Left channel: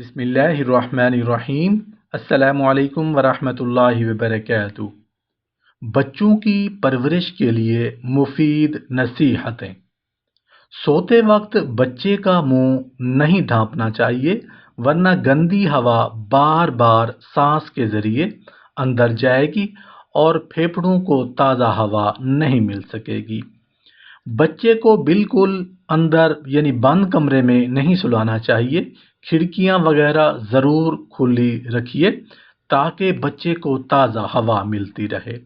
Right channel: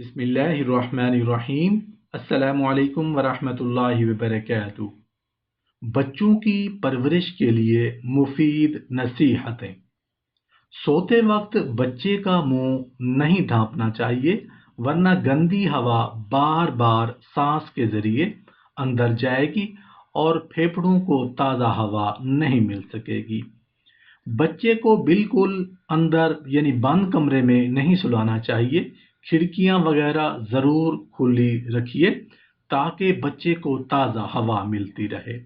बिस्मिल्लाहिर्रहमानिर्रहीम। अस्सलामु अलैकुम वरहमतुल्लाहि वबरकातुहू। बच्चों की परवरिश के लिए मुफीद नसीहतें। सोते वक्त बच्चे का मुंह नहीं ढांपना चाहिए, वरना गंदी हवा बार बार सांस के जरिए अंदर जाएगी और फेफड़ों को ताज़ा हवा नहीं मिल सकेगी। बच्चे को बिल्कुल अंदर यानी बंद कमरे में नहीं सुलाना चाहिए। खिड़कियां वगैरह ज़रूर खुली रखिए ताकि बच्चे को ताज़ा हवा मिलती रहे।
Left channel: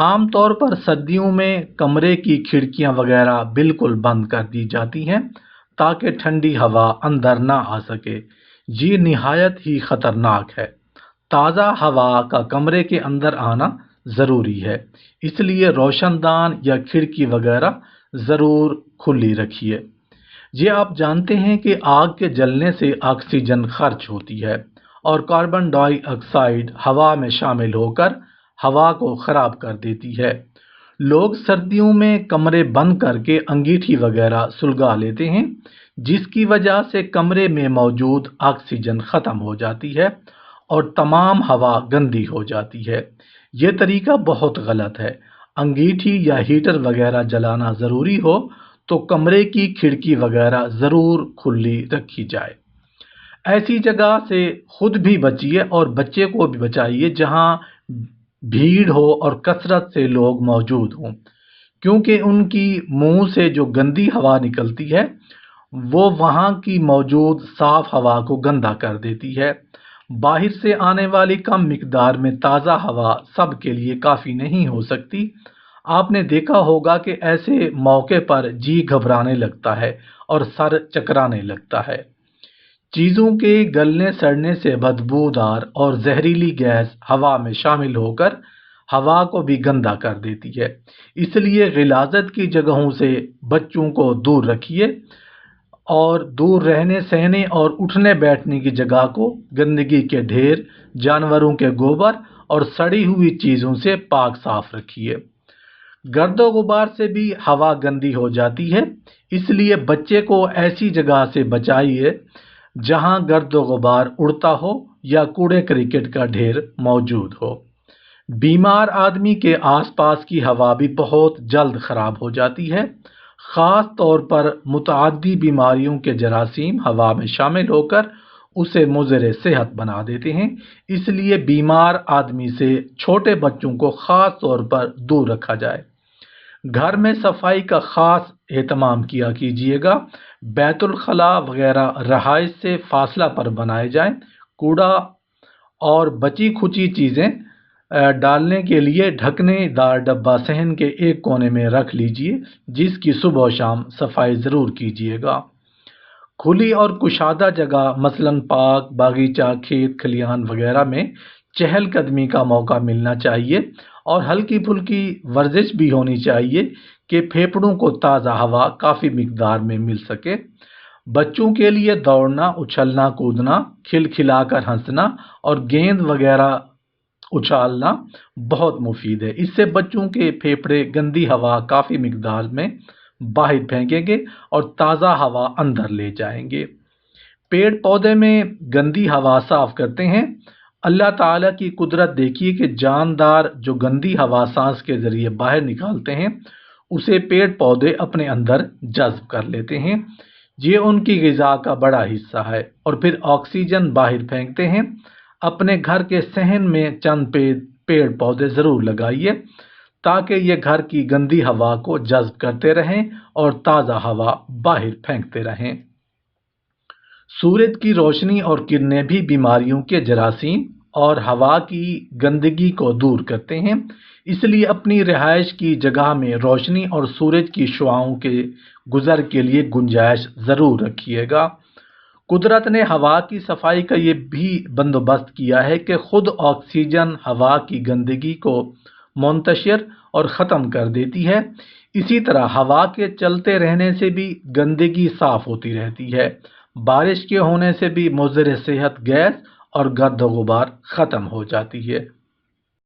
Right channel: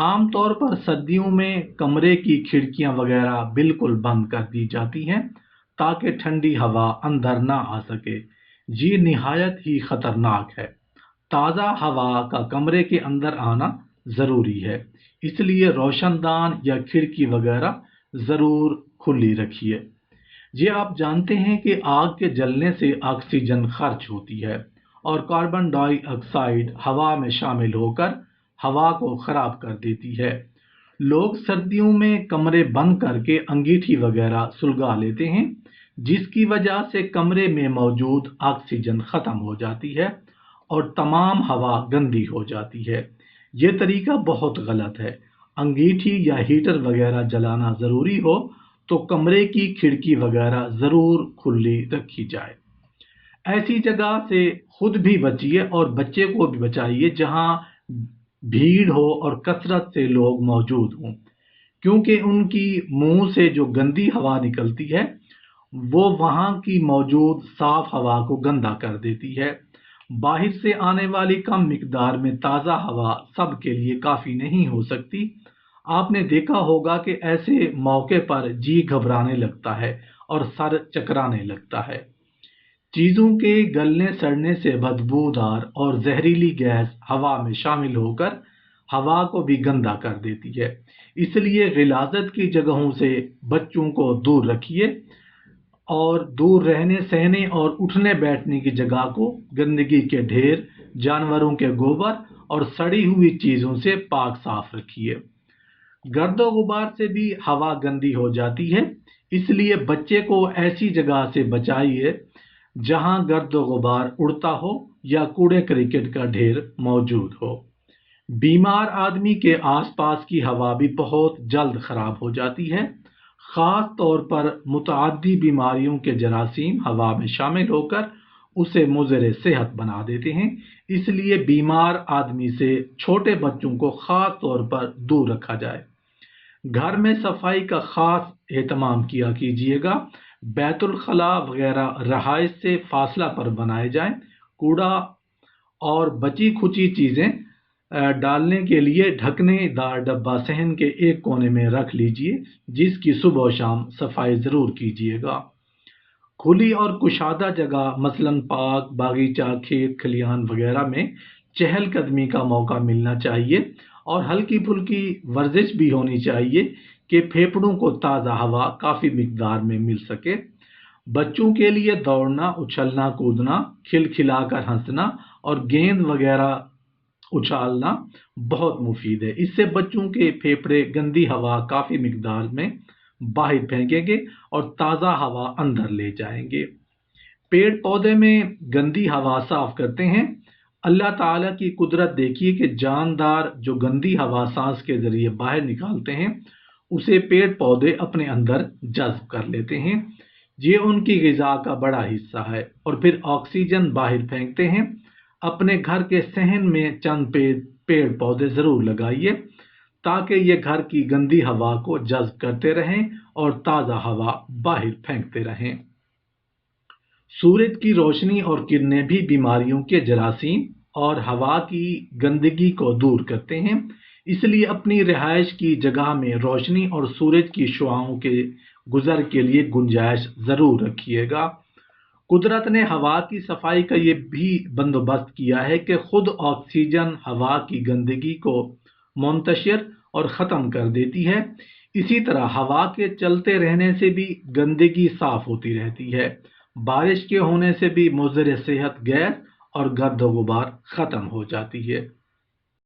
आम तौर पर सर्दियों में कमरे की खिड़कियां वगैरह बिल्कुल बंद कर दी जाती हैं ताकि ठंडी हवा अंदर ना आ सके। ये निहायत ही ख़तरनाक है। ताज़ा हवा का कमरे के अंदर आना ज़रूरी है, इसलिए रोशनदान या खिड़की वगैरह ज़रूर खुली रखिए। ये आप जानते हैं कि आग के जलने से ऑक्सीजन खर्च होती है और कार्बन डाइऑक्साइड हवा में शामिल होकर हवा को ख़राब कर देती है। लोग सर्दियों में कमरे बंद करके अंगीठी वगैरह सुलगा लेते हैं, जिसकी वजह से कमरे में मौजूद ऑक्सीजन ख़त्म हो जाती है और तमाम हवा गंदी हो जाती है। ये तरीका बहुत गलत है। अंगीठी या हीटर वगैरह जलाना ज़रूरी हो तो कमरे की खिड़की वगैरह ज़रूर खुली रखी जाए। ऐसी जगह से खुद भी बचिए और बच्चे को भी बचाइए जहां भीड़ हो और कसरत से लोग मौजूद हों, क्योंकि उनकी मुंह से जो गंदी हवा निकलती है वो वहां की मौजूद साफ हवा को गंदा कर देती है। बाहर से आने वाली कम मिकदार में ताज़ा हवा सबके लिए काफ़ी नहीं हो सकती। आपने देखा होगा कि ऐसे मौके पर जी घबराने लगता है और सर चकराने लगता है। चीज़ों के गलने सड़ने से बदबूदार और जहरीली गैस हवा में शामिल होकर हवा को भी गंदा कर देती है। इसलिए गिलाज़त की जगहों से बच्चों को दूर रखिए और दूर रहने सहने और उठने बैठने की जगह को गंदगी के ढेर, जानवरों के गोबर और सड़ी हुई चीज़ों से पाक साफ रखिए। गर्दो गुबार से भी हवा गंदी हो जाती है, इसलिए बच्चे को ऐसी जगह से बचाइए जहां गर्दो गुबार उड़ता हो या कूड़े क्रिकेट का ढेर मौजूद हो। बीमार आदमी के आसपास की हवा भी बहुत जल्द खराब हो जाती है। ख़ास तौर पर मुतअद्दी बीमारियों के जरासीम हवा में शामिल होकर उसे मुज़र सेहत बना देते हैं। इसलिए बीमार आदमी से छोटे बच्चों को ख़ास तौर पर दूर रखा जाए। घर में सफाई का खास एहतमाम किया कीजिएगा। बैतुल खला वगैरह रहाइश से फासला पर बनाए जाएं। कूड़ा और बची खुची चीज़ें डालने के लिए ढकनेदार डब्बा सहन के एक कोने में रख लीजिए, जिसकी सुबह शाम सफाई ज़रूर कीजिएगा। खुली और कुशादा जगह मसलन पार्क, बागीचा, खेत खलिहान वगैरह में चहलकदमी का मौका मिलना चाहिए और हल्की फुल्की वर्जिश भी होनी चाहिए कि फेफड़ों को ताज़ा हवा काफ़ी मिकदार में मिल सके। बच्चों के लिए दौड़ना, उछलना कूदना, खिलखिलाकर हंसना और गेंद वगैरह उछालना बहुत मुफीद है। इससे बच्चों के फेफड़े गंदी हवा काफ़ी मिकदार में बाहर फेंकेंगे और ताज़ा हवा अंदर ले जाएंगे। पेड़ पौधे में गंदी हवा साफ करते हैं। अल्लाह ताला की कुदरत देखिए कि जानदार जो गंदी हवा सांस के जरिए बाहर निकालते हैं उसे पेड़ पौधे अपने अंदर जज्ब कर लेते हैं। ये उनकी ग़िज़ा का बड़ा हिस्सा है और फिर ऑक्सीजन बाहर फेंकते हैं। अपने घर के सहन में चंद पेड़ पौधे ज़रूर लगाइए ताकि ये घर की गंदी हवा को जज्ब करते रहें और ताज़ा हवा बाहर फेंकते रहें। सूरज की रोशनी और किरणें भी बीमारियों के जरासीम और हवा की गंदगी को दूर करते हैं। इसलिए अपनी रिहाइश की जगह में रोशनी और सूरज की शुआओं के गुजर के लिए गुंजाइश ज़रूर रखिएगा। कुदरत ने हवा की सफाई का ये भी बंदोबस्त किया है कि खुद ऑक्सीजन हवा की गंदगी को मुंतशिर और ख़त्म कर देती है। इसी तरह हवा के चलते रहने से भी गंदगी साफ होती रहती है। बारिश के होने से भी मुज़र सेहत गैस और गर्द गुबार ख़त्म हो जाती है।